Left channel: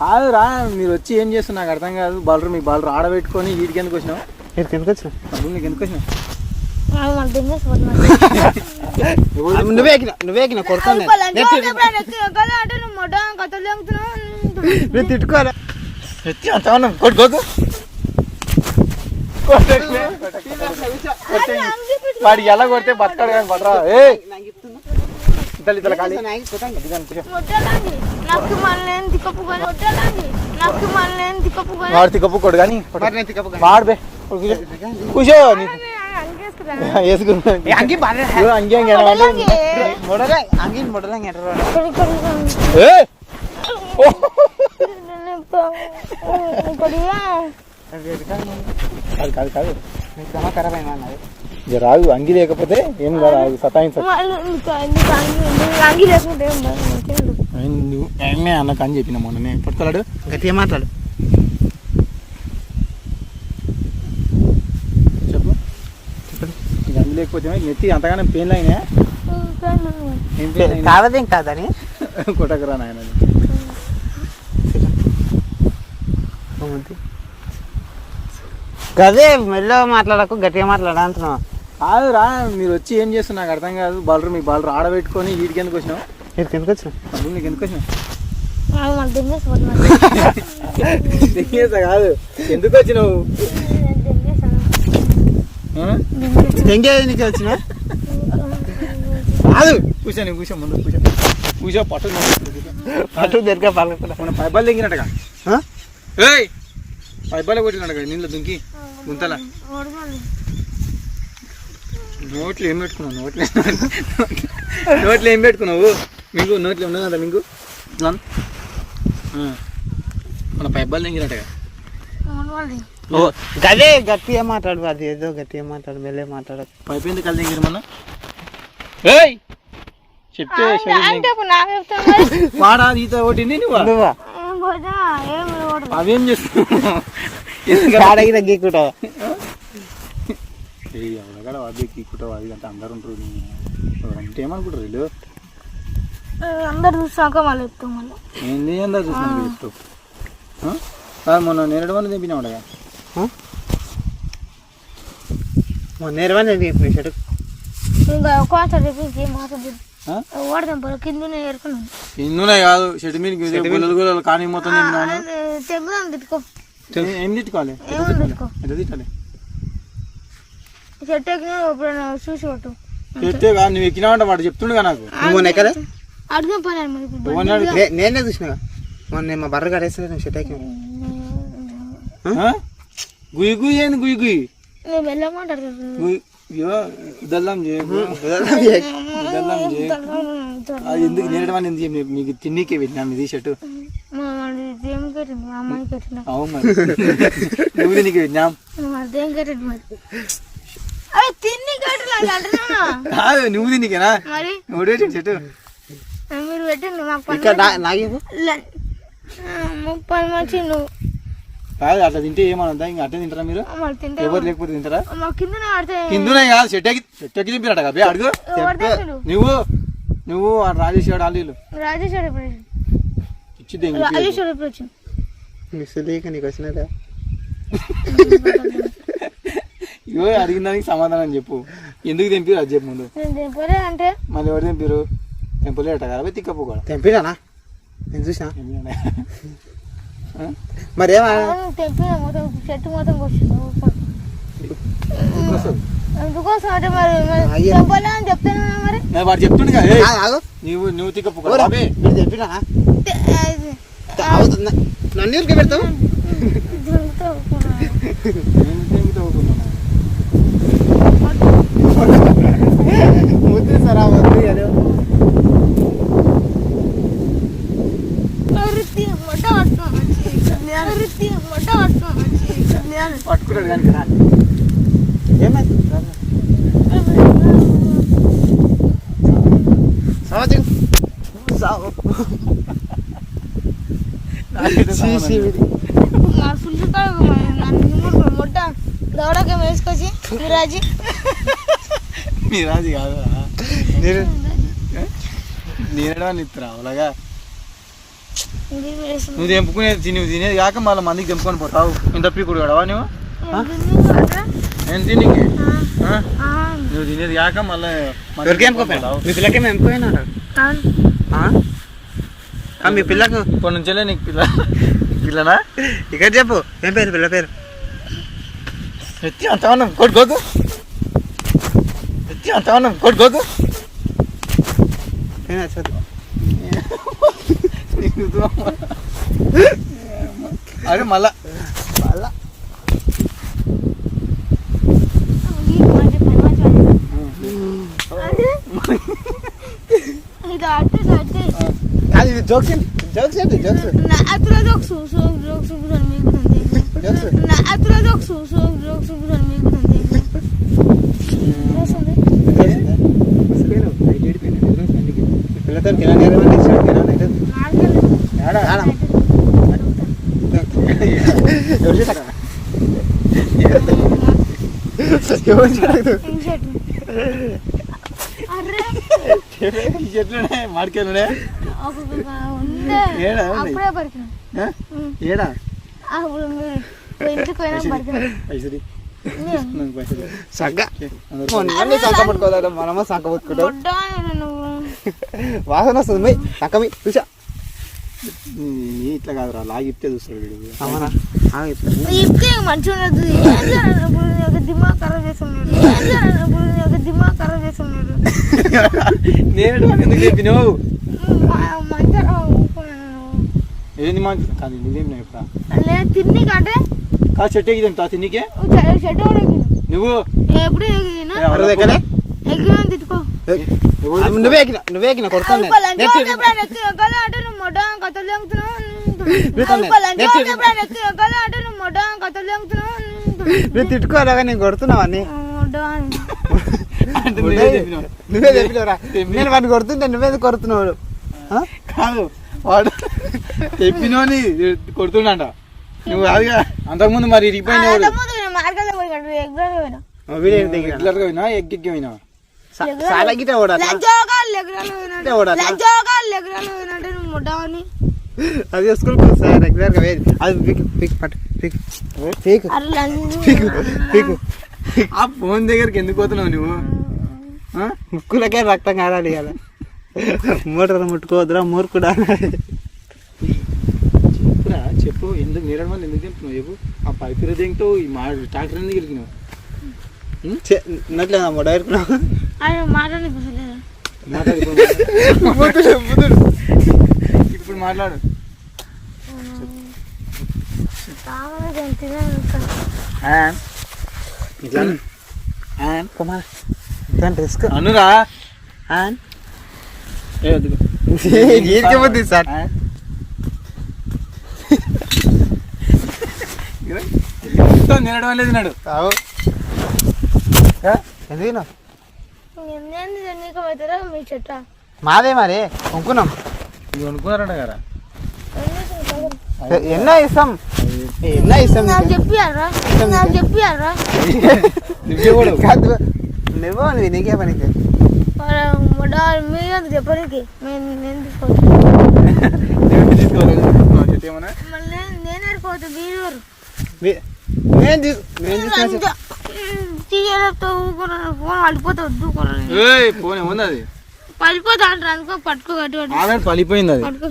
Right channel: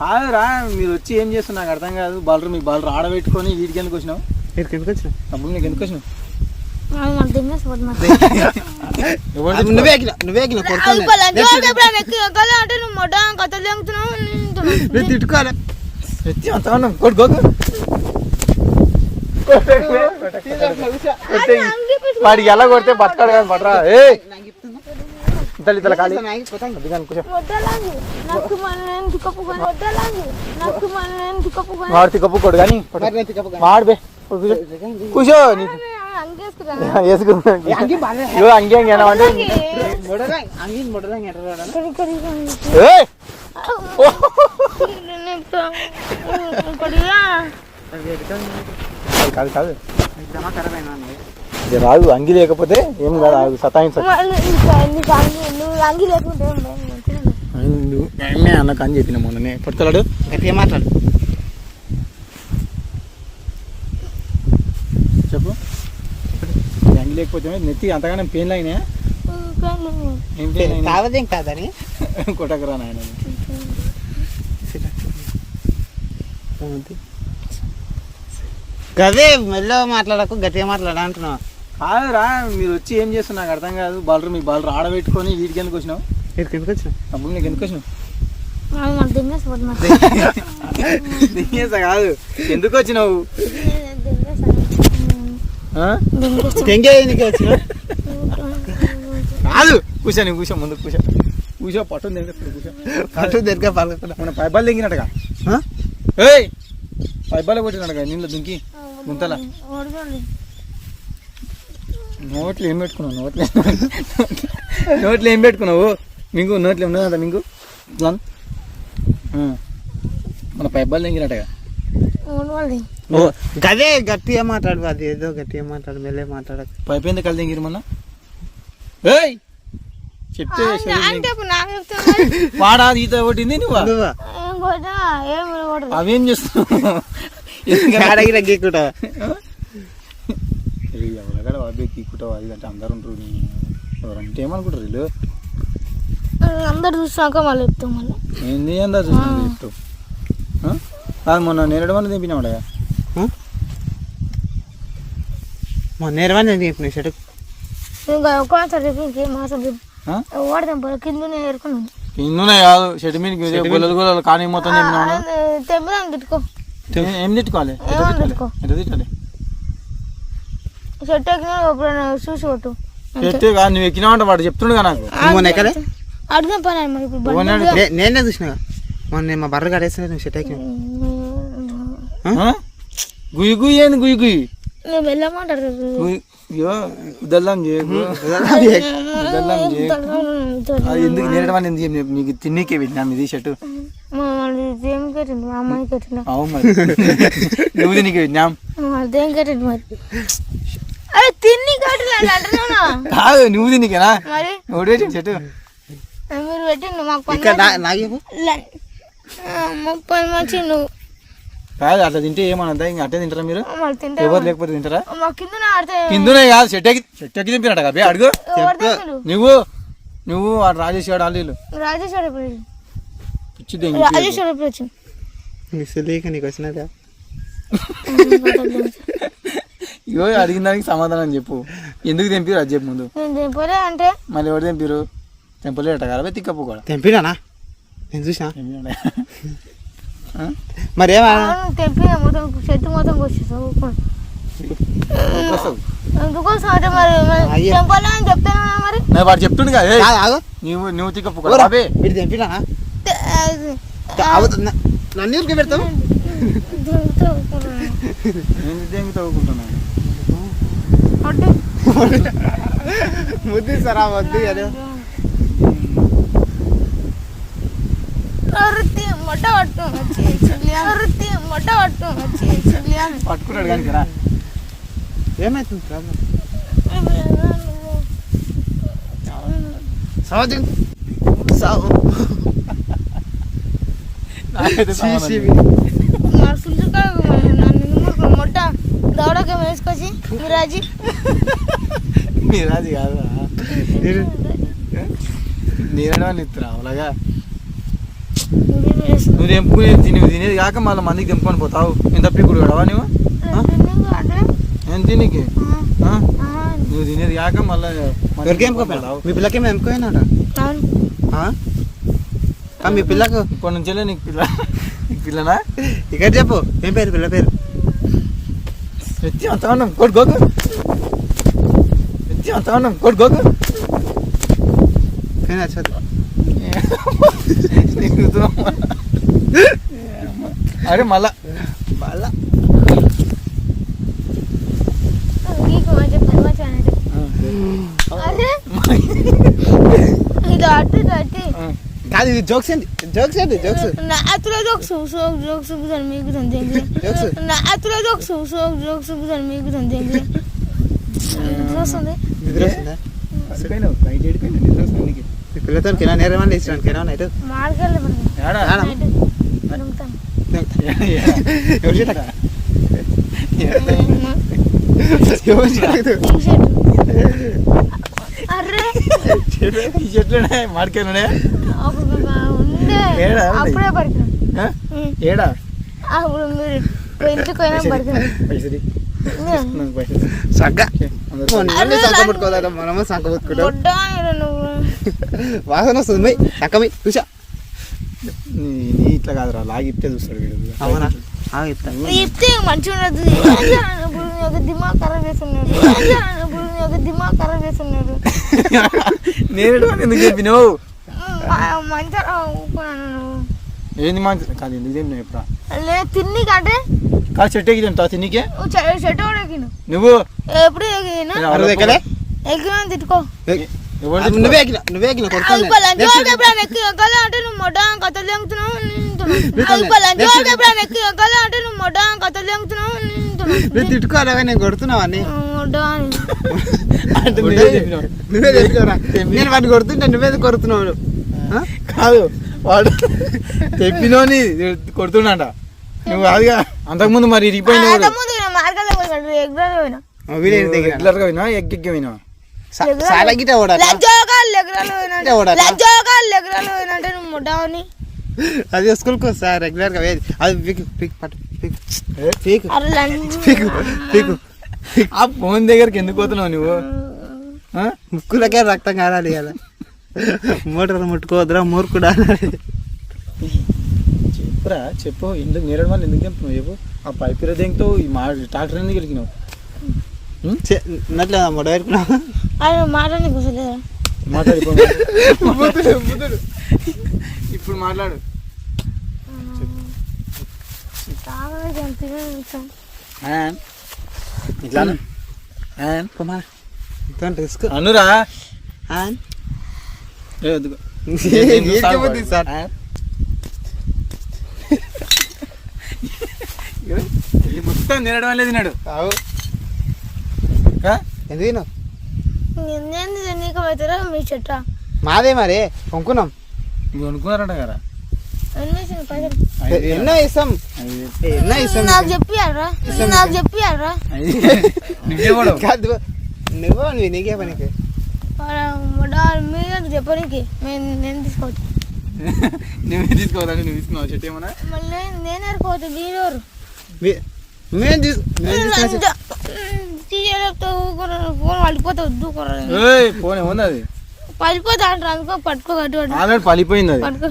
కాదు రా, మీరు వచ్చి ఏం చేస్తున్నా నాకు అర్థం కాదు. బాలరు మీ బాలరు ఆడబెట్టుకొని వీటికి ఎందుకు వచ్చినావు? ఎందుకు వచ్చినావు? అప్పుడు నీకు ఎందుకు వచ్చినావు? నువ్వే కొడుకోవాలి తిట్టుకోవాలి వాడికి ఎలా కొడితే బతకాడు కానీ పడరా. వాడు తిక్కపుకోడు కానీ వాడు కూర్చో. కాదు కాదు రాదు, అంగి లేకపోతే ఏం కాదు. సతాయించ అన్నకు అని చెప్పిన మొన్ననే. పట్టుకోలాడు గట్టిగా మాట్లాడు. చెప్పు. అంగి లేకపోతే నెత్తి అంతగానే పెయిన్లు అయినా కాదదేం కాదని కొట్టకరా నాయన. గదే మెల్లగా మాట్లాడకు, గట్టిగా మాట్లాడ అంటున్నావు. కాదు రా, మీరు వచ్చి ఏం చేస్తున్నా నాకు అర్థం కాదు. బాలరు మీ బాలరు ఆడబెట్టుకొని వీటికి ఎందుకు వచ్చినావు? ఎందుకు వచ్చినావు? అప్పుడు నీకు ఎందుకు వచ్చినావు? కాదు ఎందుకు వచ్చినావు? కాదు కూర్చో, నువ్వు కూర్చో, ముందు కూర్చో. కూర్చో పట్టు పట్టు దగ్గర పలకకుండా మన పైబాలు దిగినట్టుగా. పైబాలే కొట్టినట్టుగా నీళ్ళు దుంకి గుంతలా. నోట్లు ఏం పెట్టుకున్నావు? నోట్లు ఏం పెట్టుకున్నావు? మీకు నోట్లు ఉన్నదంట మీకు మన పైబాలు దిగినట్టుగా. గదే గట్టిగా మాట్లాడు. అది ఏదో గట్టిగా మాట్లాడు, మెల్లే మాట్లాడదు. పైపు ఎందుకు కలిసి దిగిరు మొన్న? చెప్తే వాడా ఈత కొట్టింది నువ్వు. అవేం చేస్తున్నావు? గీక్కుంటావు అది అంటే అందరు ఉంటారు. ఎవరంటే ఏమనుకుంటారు వీళ్ళు? అందరు చూసాక మళ్ళీ చెప్తాం. మళ్ళీ ఏంది అందరు చూసినాక చెప్తావు? మొన్న నేరడు వల్ల తెప్పినావుడా? నేర్వని చెప్పిన షర్ట్ కిందనే కాదు షర్ట్ మీద గొల్లలు గొల్లలు కానీ మొత్తం ఏం తిట్టుకోవాలి? ఎంత తిట్టాలి? షర్ట్ చూసి కొట్టు. షర్ట్ కాదు, నువ్వు ఎక్కినావంట వాడు చెప్తుండగా నాకు. అడిగిన పని నేనే చూసినా మొన్న మా బర్ర కడేసిన షర్ట్ ఎక్కి గుయ్యి గుయ్యి ఏంది గుయ్యి గుయ్యి వెళ్ళమంటారు. ఇదెల్లాం ఎందుకు నేరడం అని నీకు తిన్నీకే వెళ్ళినాం ఇది షర్టు. అవును మరి నువ్వు నీకు వెళ్ళినాం కాదు నువ్వు తిన్నీకేనా ఒకటి పెట్టింది షర్టు మీరు పెట్టండి. మాకు 30 మంచి నువ్వు కాదు అట్లా తింటే ఏమన్నా ఇంకా అట్టే తింటారా మీరు? ఎవరు లేకపోతే తింటారా? కిందనే కాదు షెట్ ఎక్కి తింపినట్ట కదా అడుగు. నువ్వు రాజేష్ గారు వాళ్ళు ఇచ్చిద్ది నీకు వచ్చినదా? ఇగో అడిగిన దానికి సమాధానం చెప్పు. ఎందుకు తెంపిరు అది చెప్పు ముందు. అంటే మళ్ళీ ఎవరు తెంపిరు? తెంపలేట కదా తిక్కప్పు కూడా తెంపినా నేను చూసినా. మరి తెంపిన మొత్తం చెట్టు మొత్తం ఎందుకోసం అంటే మరి తెంపాలని చెప్తాను. మరి వాడు చెప్తుండు కదా నువ్వు తిక్కప్పు తెంపినా నన్ను ఊరికే పెడతావు. సరా వద్దు పట్టుకున్నాడు కానీ కదా ఏమైతుంది దౌడక వేసుకొచ్చి మిరాజీ కాదు నేరడా ఇస్తున్నా అలాగా నువ్వు తెంపుకునేది తినేది కాక మళ్ళీ మందికి తెంపుకొని పోతావు ఇంత పీకుడు కడవా నువ్వు నేను తినికి నువ్వు తినేది కాక మళ్ళీ ఎవరికి ఎంపుకోపోయావు మీ పిల్లకేమో ఎంపుకోయినారా మీ పిల్లకు ఇప్పటి నుంచే నీకు పిల్లనా ఇక్కడ చెప్పు ఏం పేరు పిల్ల పేరు ఎత్తి అంత ఉన్నాం కొట్టుకోకు ఎత్తి అంత ఉన్నాం కొట్టుకోకు అరే మళ్ళా కాదు ఇది జోక్స్ ఏంటి జోక్స్ ఏంటి జోక్స్ పిల్లతో కినా నేరమని ఇచ్చినాడు కినా నైట్ చెట్లునే మాడికాయలునే ఏడా సంక పుట్టుకోదా మనమో సంక పుట్టుకుంటాం వాసన వస్తుంది సంకమి చూసా ఇట్లా కాదురా లాగిప్తే చూస్తాడు వీడు అవునా చెప్తే మంచిగా దిమాగ్ ఖరాబ్ చేస్తున్నాడు దిమాగ్ ఖరాబ్ చేస్తున్నాడు నేను ఎందుకు చెప్పినావు మంచిగా ఏంది మంచి కాదు ఎందుకు తిన్నావు ఎప్పుడు లేదు తిన్ని కంటే కాదు చెట్టు ఎక్కి తింటావు తిన్నికే చెట్టు కూడా ఎక్కిన నువ్వు ఎప్పుడే ఎక్కినా ఎక్కినా తిట్టుకో నువ్వే ఎక్కిన కొడుతాను అంటే నువ్వు మొట్ట కథలు లేముతున్నావు అంటే నువ్వు మొట్ట కథలు లేముతున్నావు నువ్వు తిట్టుకోలేగా నేను కొడుతున్నావు అని నువ్వే చెప్పినవరా నేను వాడిని కొడుతుంటే నువ్వే కొడుతున్నావు కాదు వాడు చెప్పినోని కొడుతున్నాడ నువ్వు అదిగా అంతకుముందు మరి ఇరిగిపోయినావు రెగ్యులర్ గా పోయినా ఎగ్గి పోయినా చాలా గిట్ట అది స్కూల్కి వస్తా రెగ్యులర్ గా వేది అది పీకు ఆ ఫోన్ దగ్గరికి ఎందుకు పోతున్నావు నువ్వు ముక్కులకే రక్తం కారాలి కదా మోటార్ ముట్టుకోవద్దురా మూర్ఖుడా చెప్పురా చెప్పు ఎందుకు నేరడు వాళ్ళు ఎందుకు తెంపుతున్నావు చెప్పు ఆ పైపు దేంతో ఈ మా ట్రాక్టర్ ఎందుకు గెలికినావు నట్లేదా మొడ ఎరుకున్నావు ఇప్పుడు మాట్లాడు రిస్క్ అనురా సార్ తినడం లేదు నాడు మాదే మరి కొనుక్కున్నాం ఇది కొనుక్కున్నారంట కదా ఎన్నో ఇస్తాం నువ్వు నీకే పనికి మీరు చెప్పడానికి నేను నేనే పోతుంది ఫోన్ పడిపోతావు ఫోన్ ఏముంది అది పడిపోతా అంటారు పట్టుకోగట్టు పడిపోయింది అది పట్టుకో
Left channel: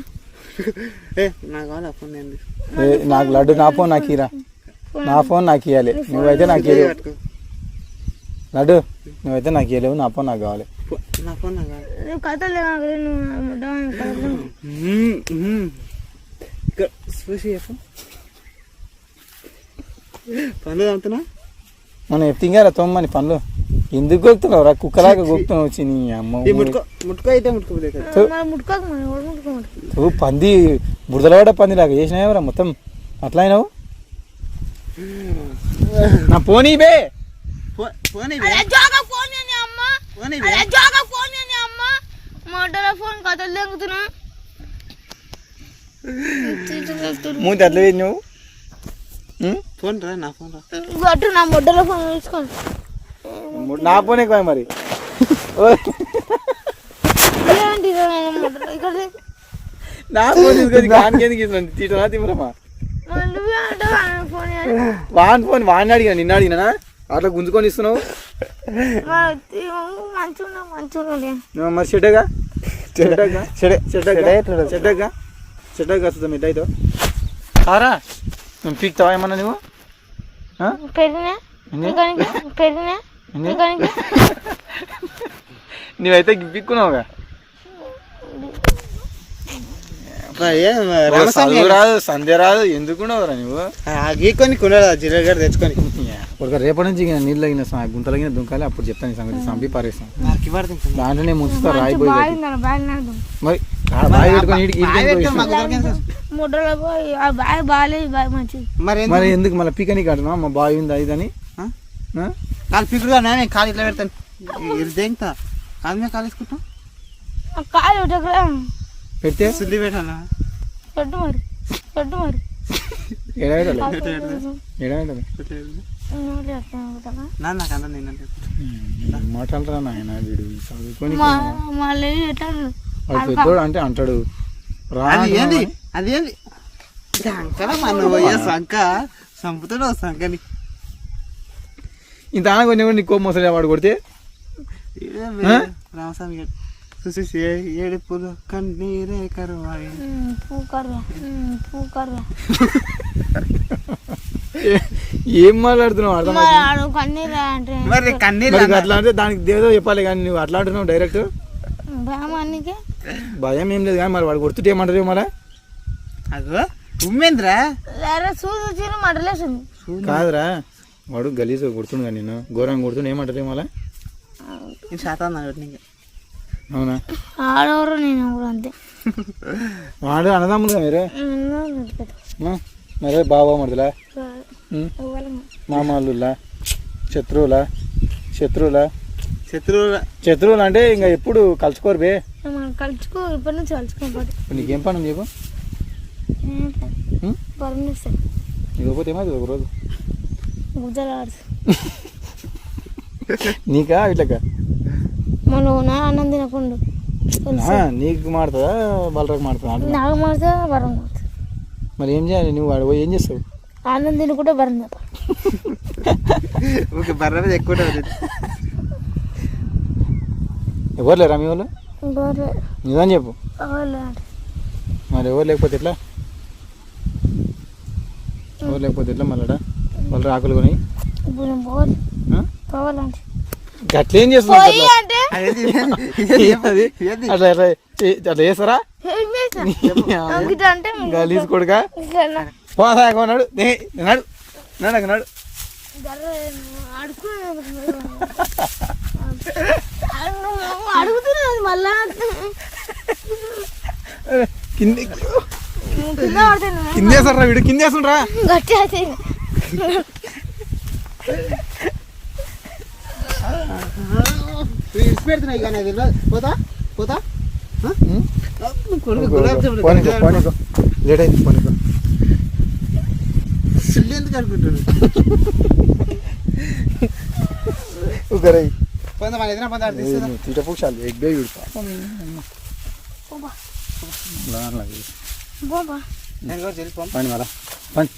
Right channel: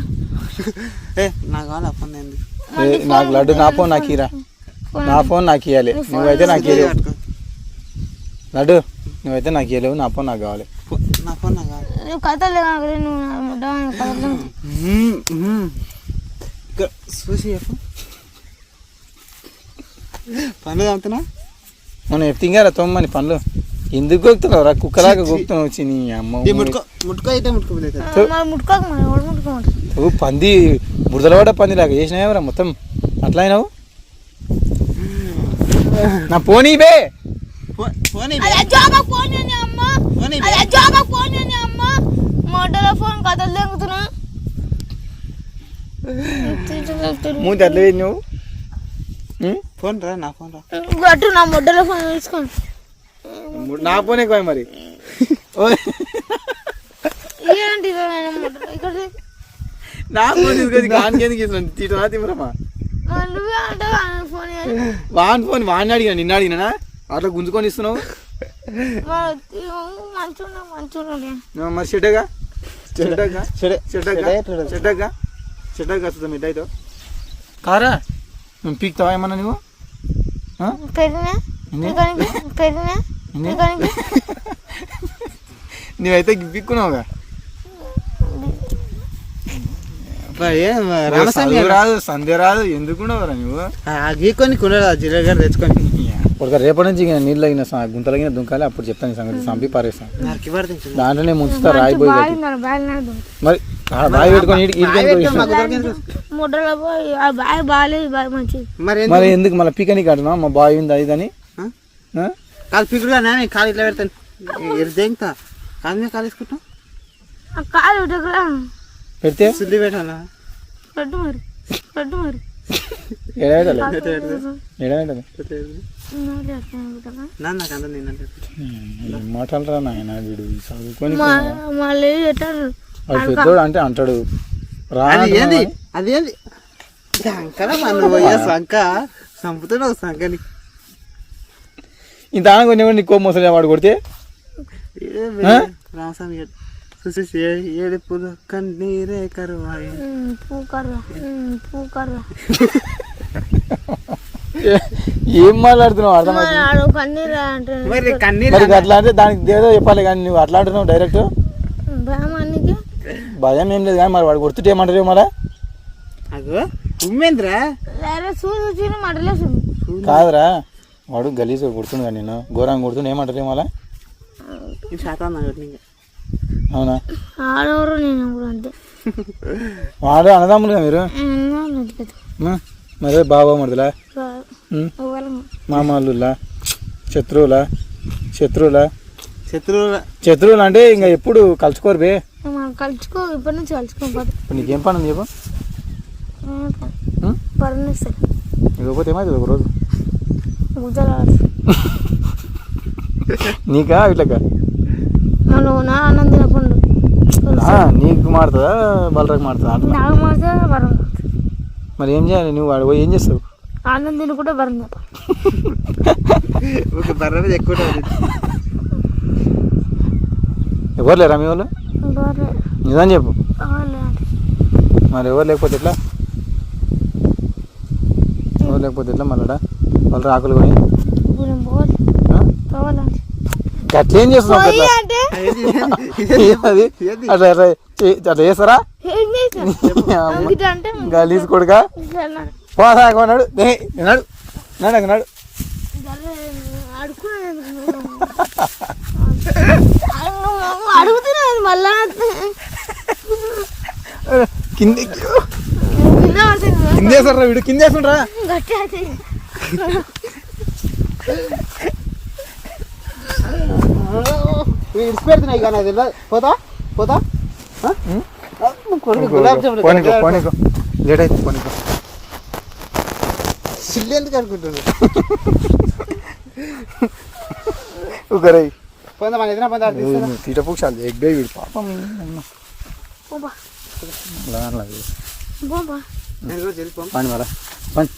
నాకు లడ్డు నా ఫోన్ నాకు ఇరా నా ఫోన్ నాకు ఇవ్వాలి నువ్వైతే నాకు ఇవ్వలేవు లడ్డు నువ్వైతే నాకు ఇవ్వలేవు నా ఫోన్ నాకు కావాలి కథలు చూసి చెప్పు పనులు అంటున్నా మనం ఎత్తింగారా తొమ్మని పనులు ఎందుకు గొక్కుతున్నావు రా కుక్కలాగా గొక్కుతున్నావు వచ్చి నీ అమ్మ పంది బురదలవాడ పంది లాగా చేసినావురా మొత్తం అట్లా అయినావు నా పోనీ బే మూతి అట్లా వేసి నువ్వు ఫోన్ రా నా ఫోన్ నా మొడ్డలో ఫోన్ తీసుకోండి నా ఫోన్ ఎక్కువ మరి నా ఫోన్ తీసుకొని కానికేందుకు ఇస్తున్నాను తీటనా తిమ్మరమ్మా నువ్వే అంటే ఫోన్ వాన్ ఫోన్ వాడిని అడిగా నిన్న అడిగినా అట్లా గుంజుకొని ఇస్తున్నావు మంచిగా మరి చెడ్డగా చెడ్డగా చెడ్డగా చెడ్డగా చెడ్డగా వస్తుంది మిడ్ అయితే సారా నేను పీక్తావా ఏమన్నా నువ్వు నువ్వైతే పీక్కున్నావుగా రామస్వామి రాదు సంధ్య రాదు ఎందుకున్నావురా నువ్వు గీకొని కుండరా జిల్లా తెచ్చుకొని ఒక రేపటి నుంచి నీళ్ళు తగిన గుంతలగిన దుంకాలి అప్పుడు చెప్తాను ఈ సంగతి సంపి పారేస్తాను దాంట్లోనే ముంచుతా రాయిపోయి మరి బావి పెట్టుకొని మరి ఎందుకు మళ్ళీ పీకని కడనా మా బావి ఉంది అదిదని కాలు పీకుడుగా నేను కాలు ఇట్లా పెడతాను దేంతా కాలు మీద కాలు వేసుకుంటాం పెడితే శుద్ధి పెట్టాలా నాకు అంత నేనంటే మాటలరా నాయన వీడు చదువుకొని మళ్ళీ పెద్దోడు అంటే అంటాడు రా అదేంది అదేంది సంకన మన పోయే సంక చంపుతున్నావు సంకని ఇంత ఆన కొన్ని నీకు కోపం వస్తుంది వాడు కొడితే రామస్వామి గారు చూసి ఏడుపులు కన్నీరే కరువాయి ఏం మాట్లాడుతున్నావు మరి అట్లా అంటే దానికి దేదో చెప్పాలి కానీ నువ్వు అట్లా అంటున్నావు డైరెక్ట్ భయం ఏం లేదు కానీ మరి వాడు కొడుతుంటే ఏమంటారు మళ్ళా కాదురా వాడు గలీజ్ కొడుతుండు కానీ నేను ఘోరంగా కొడుతుండే ఏమంటారు మళ్ళా అవునా వాడే అన్నదమ్ములుగా మీరు మరే బాబా మరుదులా మామూలులా శత్రువులా శత్రువులా శత్రువులు అంటే ఇంకా ఎప్పుడు కలుసుకోరు బే కలుచుకో ఇప్పటి నుంచి కలుసుకోకపోతే ఇప్పుడు నీకేం పని ఉంది చెప్పు ఇవ్వకపోతే ఏమైంది ఒక రోజు నీకా ఇట్లకా అన్నం తినకుండా నీకు మాడుతుందా బలరాకు మాడుతుందా నాకు మాడితే వరం మరి ఏం చేయాలి నువ్వు వాడు ఏం చేస్తావు అన్నం తినకుండా వరం బర్రె ఎక్కువ ఎవరు లేరా మీ వాళ్ళు నిజం చెప్పు మరి ఎవరు లేకపోతే ఎట్లా ఎవరు లేకపోతే ఎట్లా మళ్ళా వాళ్ళు ఆకులు కొని అట్లేం చేస్తున్నావు అది అట్లా అట్లా చేస్తారా గలీజ్ కొడుకా పోసాడు నాడు నాడు నాడు అడుగుతున్నది మళ్ళా కిందేసారా వీడు కిందేస్తుండ్రా ఇడిచిపెడుతున్నాయి కానీ అది పోతా పోతా పోనీకో లేట్ అయింది పోనీకో ఎందుకు అనుకుంటుంది పొందా మన ఎదురు పొందా తీట పూక్షాలి ఎగ్గా వీడు పాపం పని మళ్ళా పని